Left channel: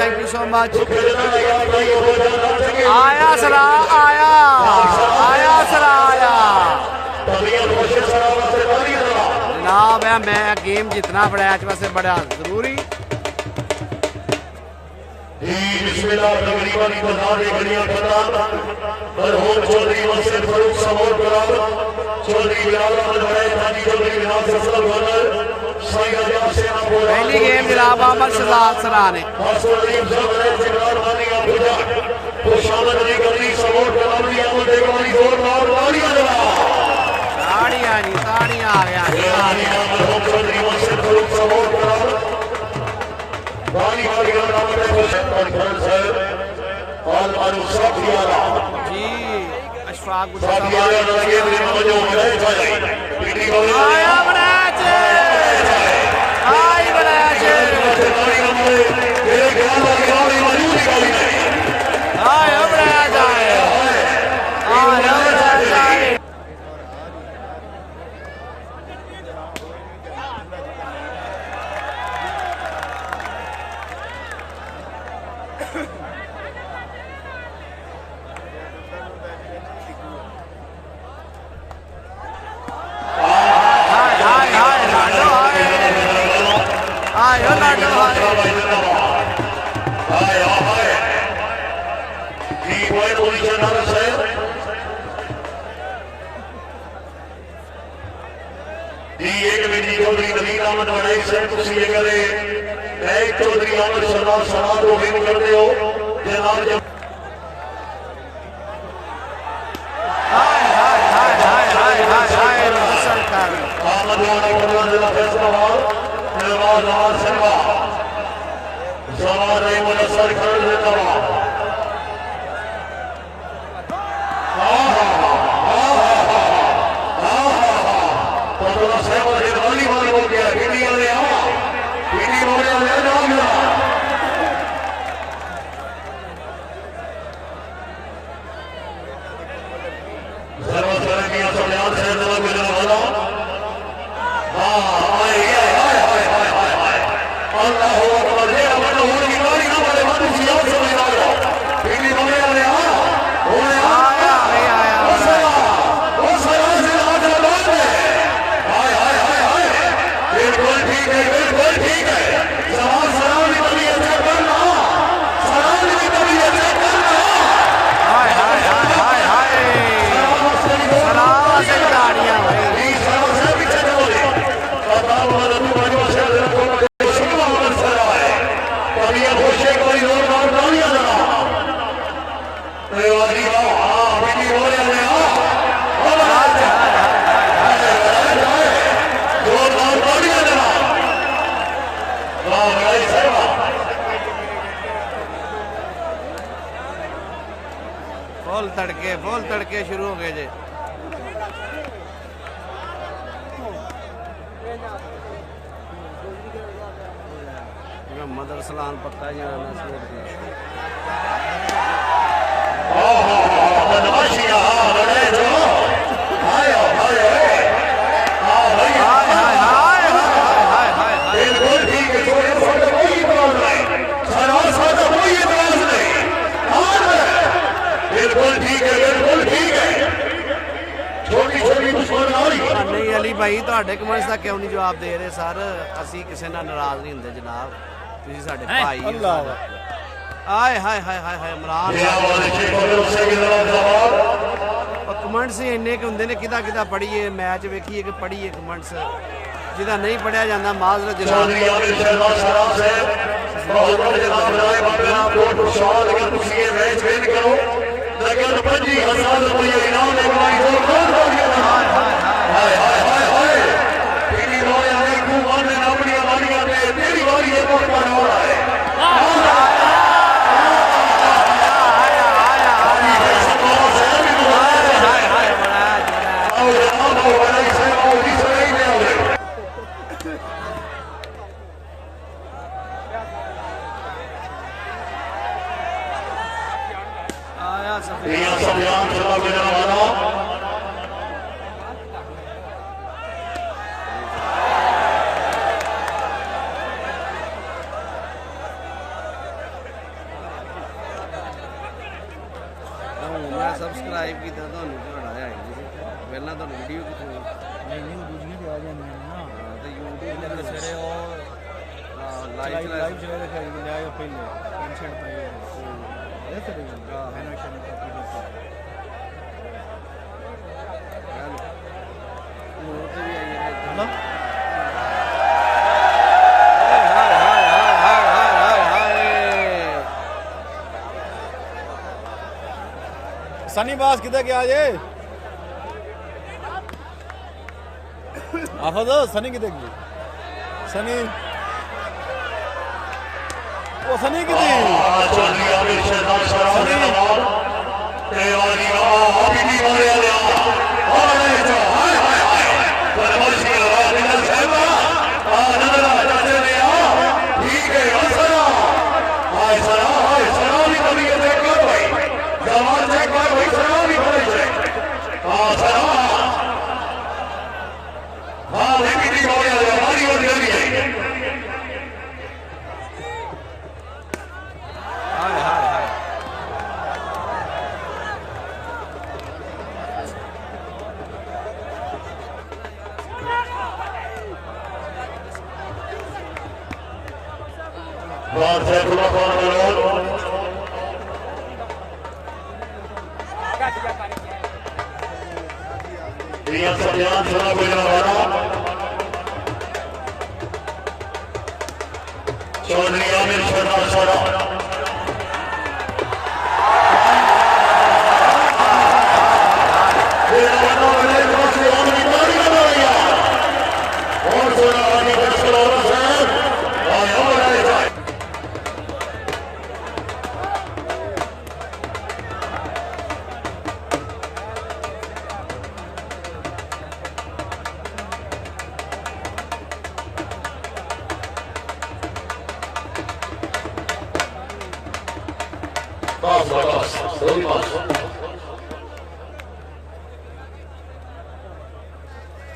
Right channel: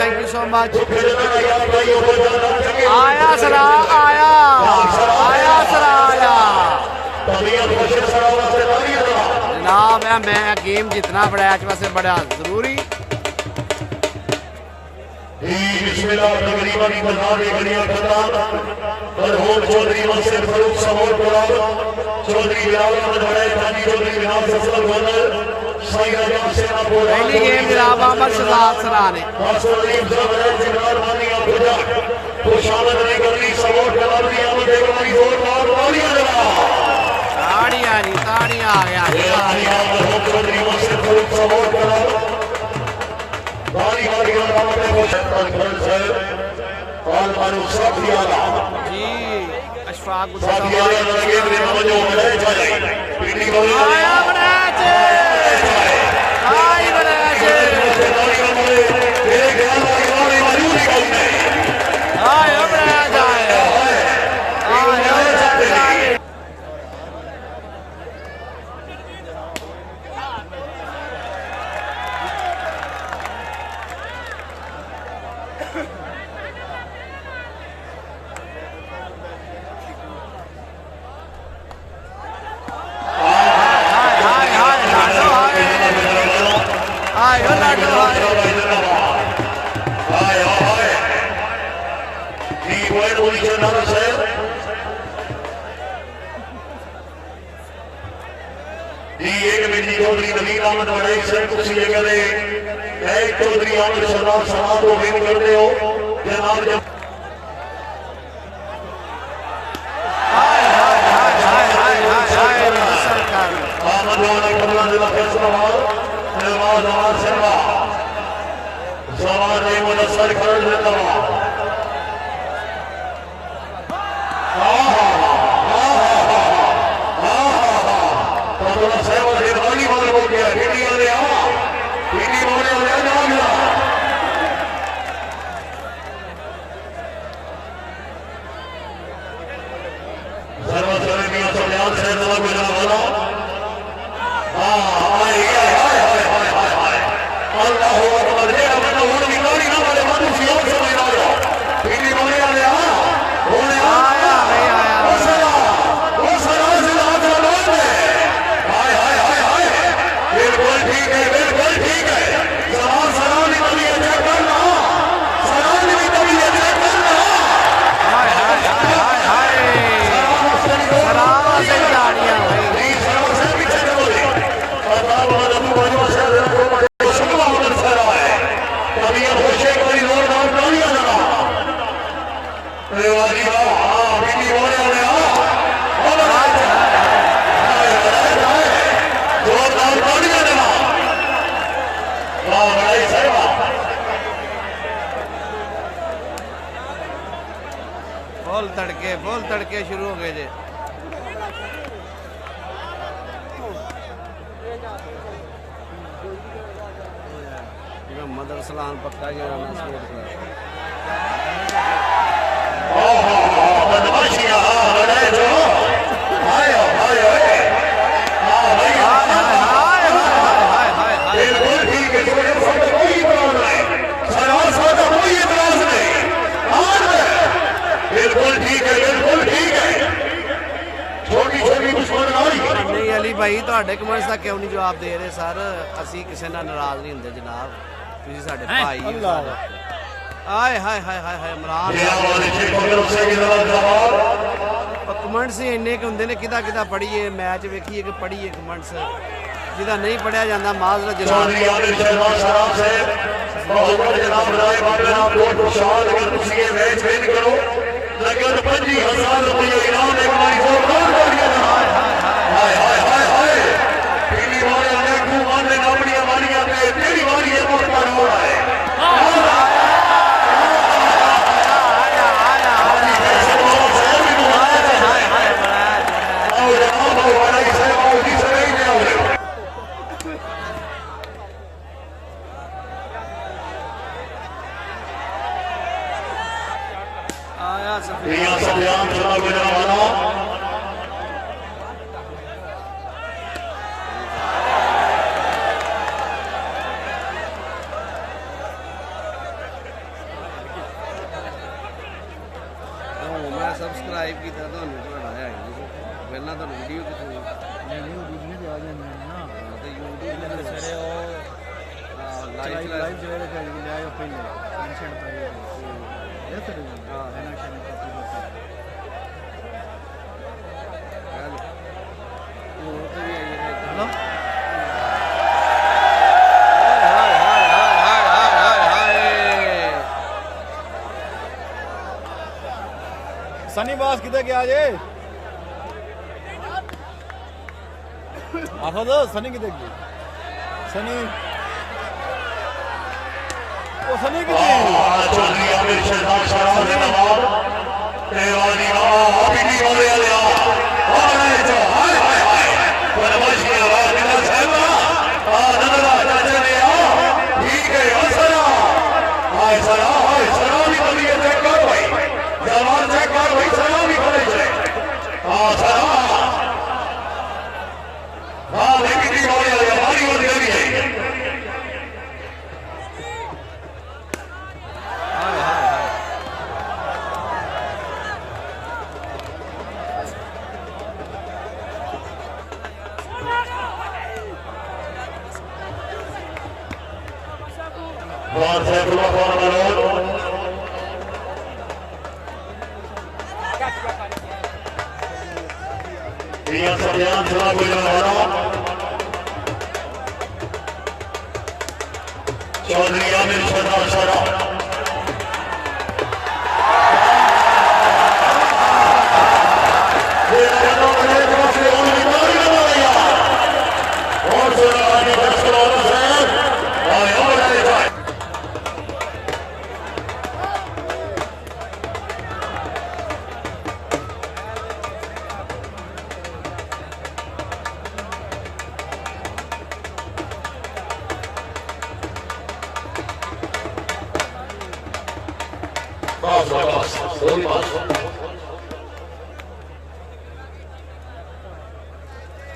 Thank you so much. आया सरा आया सरा आया जनाब है। मैं गेम जितना बड़ा इस वास्ते बड़ा जरूरी पहली गेम जनाब अहमद शहजाद सरा ने ताड़ियां जी ताड़ियां आ गया जी। अशफाक आया बनाच आई बनाच आया बनाच आया बनाच आए फुल तड़के शुरू हो गए जे। मोहम्मद अरसलान पक्का जनाना स्पोर्ट नहीं अली भाई तुहाडे कमेंट्स का क्यों नहीं जवाब दे रहे सर? असी किसी नाल नाराज नहीं होंदे जनाब, तुसीं साडे भाई हो। आए हाय हाय हाय हाय इमरान कमेंट्स ही इन्ने के होंदे ने, किदा किदा पढ़िए मैच वेखिए कि पढ़िए कमेंट्स, जिदा नहीं पढ़िया जाता माजरत जनाब। नगद 25,000 रुपये इनाम है। हाय हाय हाय हाय तेरी बारी है तू माने अपनी वारियां पे तेरी बारी है बहुत बड़ा हो रहा है। मैं सबसक्राइब किया ਤੁਹਾਡਾ ਆਇਆ ਹੀ ਨਹੀਂ ਸੀ ਪਹਿਲਾਂ ਤੁਹਾਨੂੰ ਵੀਡੀਓ ਕਿਥੋਂ YouTube ਤੇ ਆ ਜਾਂਦੀ ਨਾ ਹਾਂ ਤੇ YouTube ਤੇ ਸਵੇਰੇ ਉਹ ਲਾਈਵ ਸਵੇਰੇ ਚੱਲ ਗਿਆ ਉਹ ਪਹਿਲੇ ਟੈਨਸ਼ਨ ਪਈ ਇਹ ਫਿਰ ਹਾਂ ਕਨੈਕਸ਼ਨ ਹੁਣ ਤੇ ਵੀ ਆਈ ਹੈ ਹਲੋ ਹਾਏ ਹਾਏ ਹਾਏ ਹਾਏ ਹਾਏ ਹਾਏ सनी बॉस किधर गया जे आखो तो सनी किधर गया सनी ओ सनी चौधरी आमिर सरदार सारा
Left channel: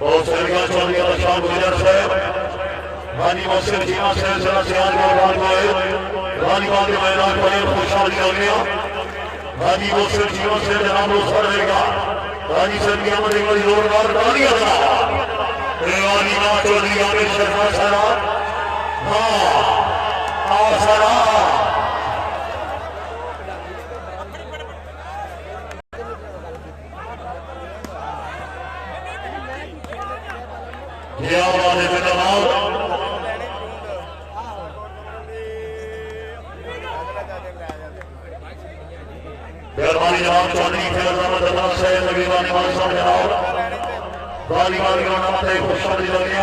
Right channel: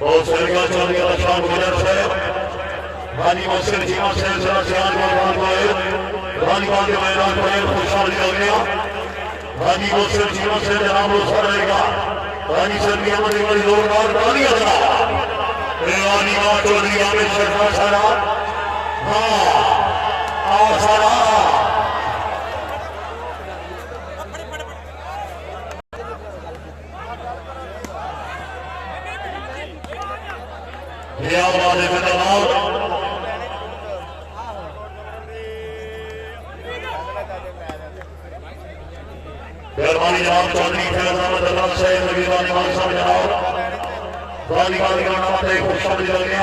बहुत चलेगा चलेगा शाम गुजर से रानी मौसम जीवा से सरा से आज बात हुए रानी बात में मैदान पर खुशहाली हो गया रानी मौसम जीवा से जनाब रोसा रहेगा रानी से भी हमारी बड़ी जोरदार तालियां बजा रानी मां चौधरी आमिर सरदार सारा हां सारा मेहरबानी जनाब चौधरी जनाब वाली वाली खुशखबरी लगे